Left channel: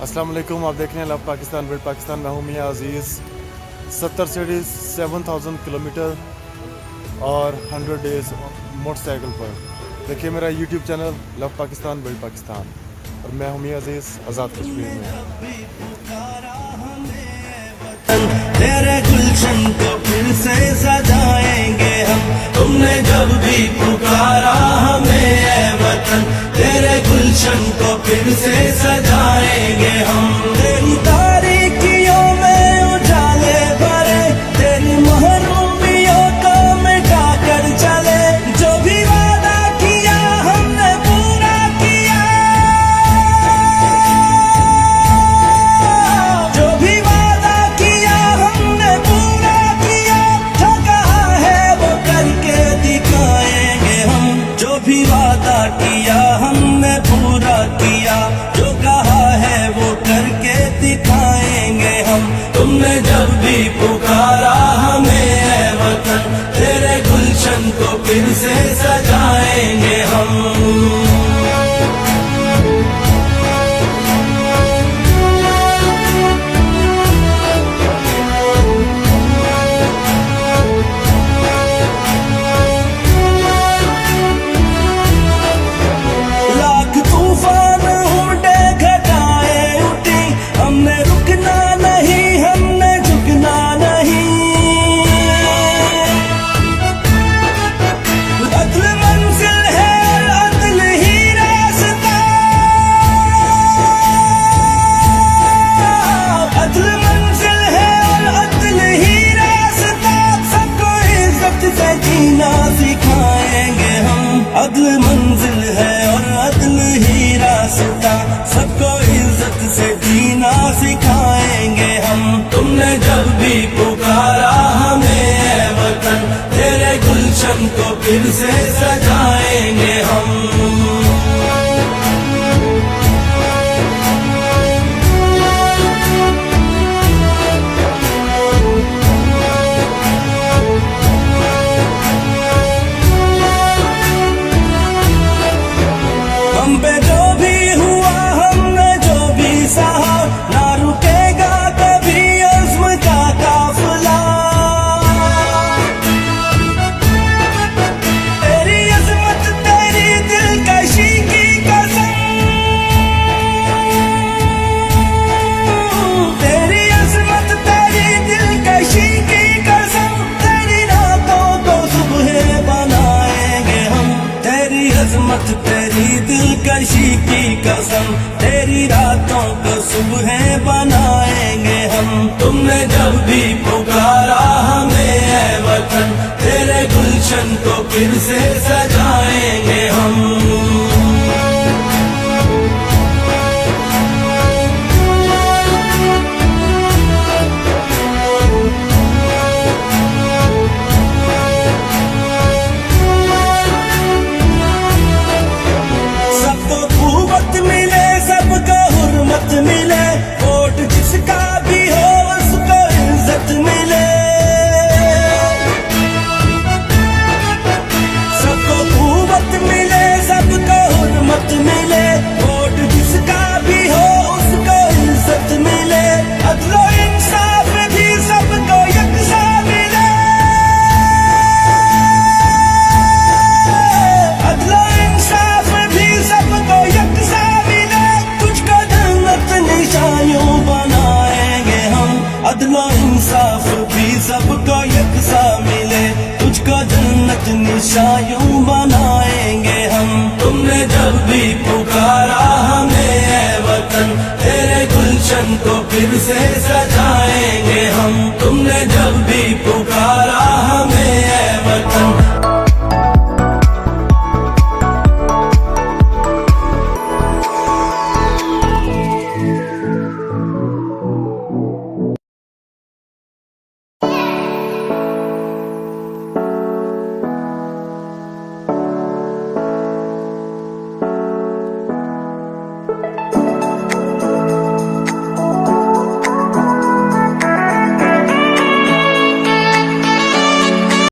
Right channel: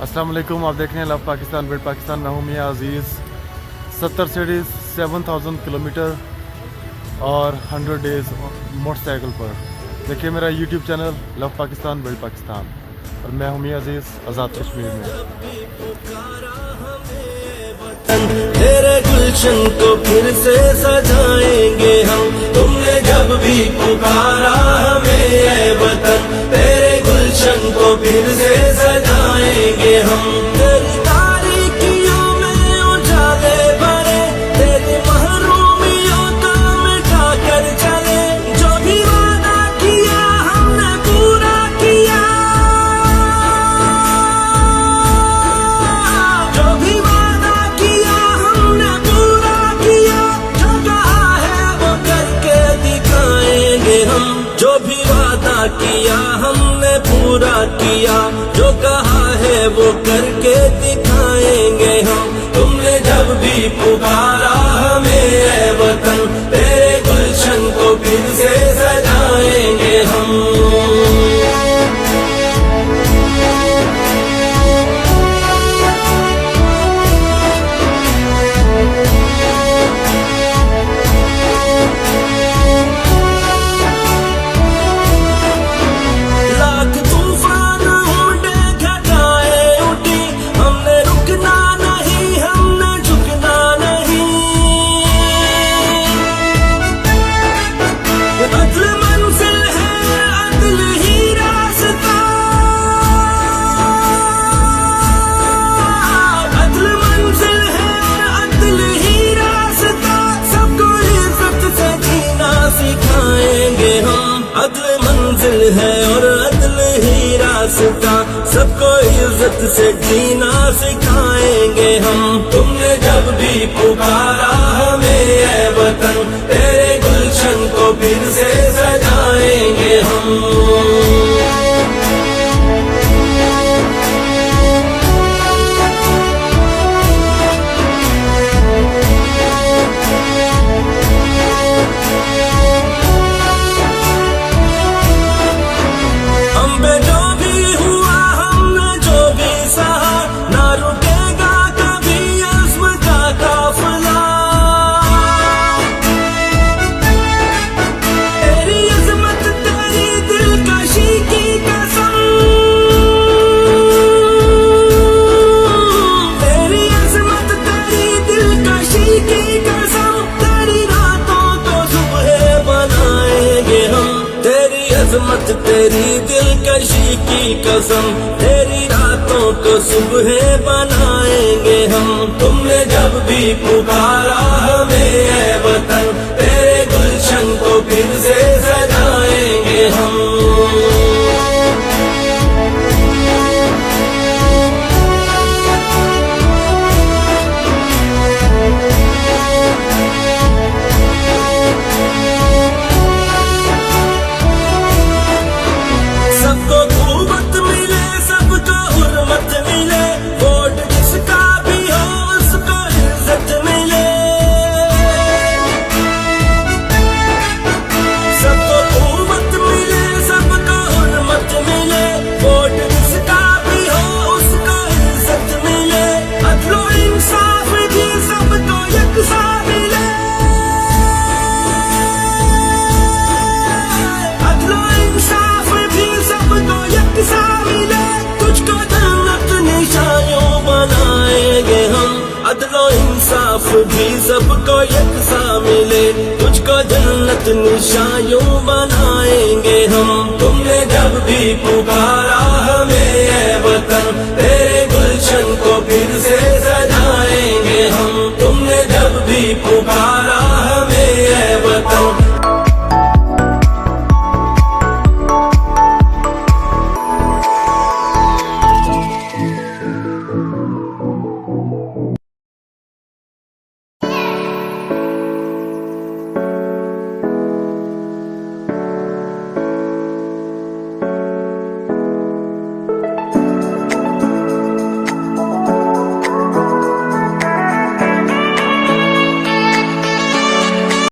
अस्सलाम वालेकुम, आप देख रहे हैं लव पाकिस्तान बिल्ड पाकिस्तान। मैं हूं मियां अजीज़। 70 सिटीज़, 7000 किलोमीटर और 100 डेज़ मोटरसाइकिल पर। देखिए मेरा YouTube channel love Pakistan build Pakistan, और मैं हूं मियां अजीज़ आज़ाद कश्मीर में। तेरे गुलशन को फिर से सजाएंगे हम, तुमने जब भी पुकारा हमें ऐ वतन। तेरे गुलशन को फिर से सजाएंगे हम, तेरी तारीकियों में उजाले भरे, तेरी महरूमियों को मिटा कर चले। जो भी वादा किया हमने पूरा किया, जो भी वादा किया हमने पूरा किया। जो कहा है वो करके दिखाएंगे हम, जो भी वादा किया हमने पूरा किया। जो कहा है वो करके दिखाएंगे हम, तुमने जब भी पुकारा हमें ऐ वतन। तेरे गुलशन को फिर से सजाएंगे हम। अदल मंजिल है और अदल ही रास्ता, सबको इज्जत से जीना सिखाएंगे हम। तुमने जब भी पुकारा हमें ऐ वतन, तेरे गुलशन को फिर से सजाएंगे हम। अज़मत तेरी दिलकशी की कसम, तेरी रातों को सुबह बनाएंगे हम। तुमने जब भी पुकारा हमें ऐ वतन, तेरे गुलशन को फिर से सजाएंगे हम। मिले वोट जिसका भी हो उसको इज्जत मिले, सबको कुव्वत मिले, सबको हुर्मत मिले। वोट जिसका भी हो उसको इज्जत मिले, अदलो इंसाफ भी सबको यकसा मिले। अदलो इंसाफ भी सबको यकसा मिले, तुझको निशानियों बनाएंगे हम। अदलो इंसाफ भी सबको यकसा मिले, तुझको जन्नत निशानियों बनाएंगे हम। तुमने जब भी पुकारा हमें ऐ वतन, तेरे गुलशन को फिर से